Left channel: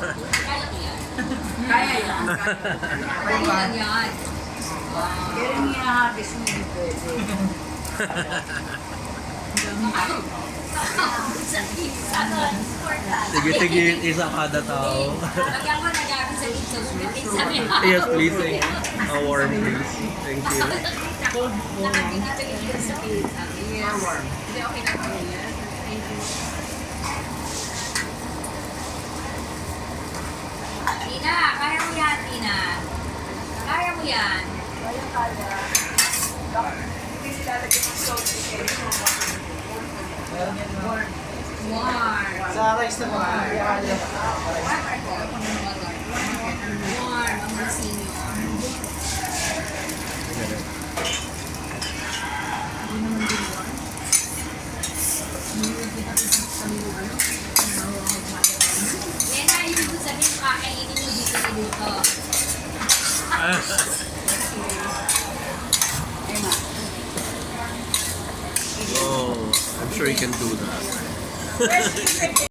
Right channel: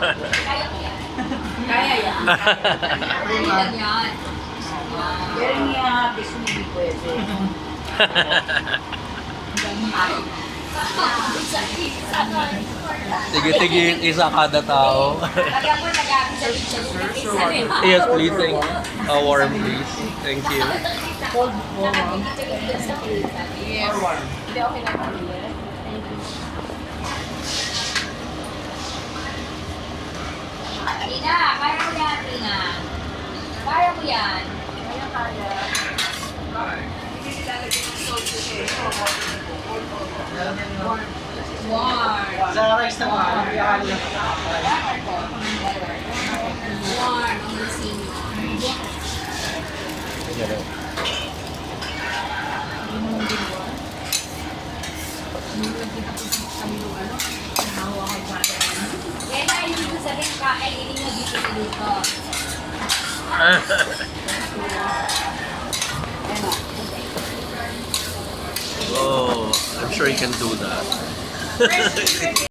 Kaya yan. Kaya lang yan. Pero niya, gusto mo di pwede. Sige, isa kada tao. Lagyan ko nag-aabi sa picture. Yes, please. Thank you. Warm, please. Thank you. Yes. Hindi, okay na po. Tina, kaya mo yan, Tina. Kaya mo yan. Warm. Sa rice naman. Warm, ang masin nyo. Kaya na yun kung sabihin ka, editing mo dito. Oh, I'm sure you can do that.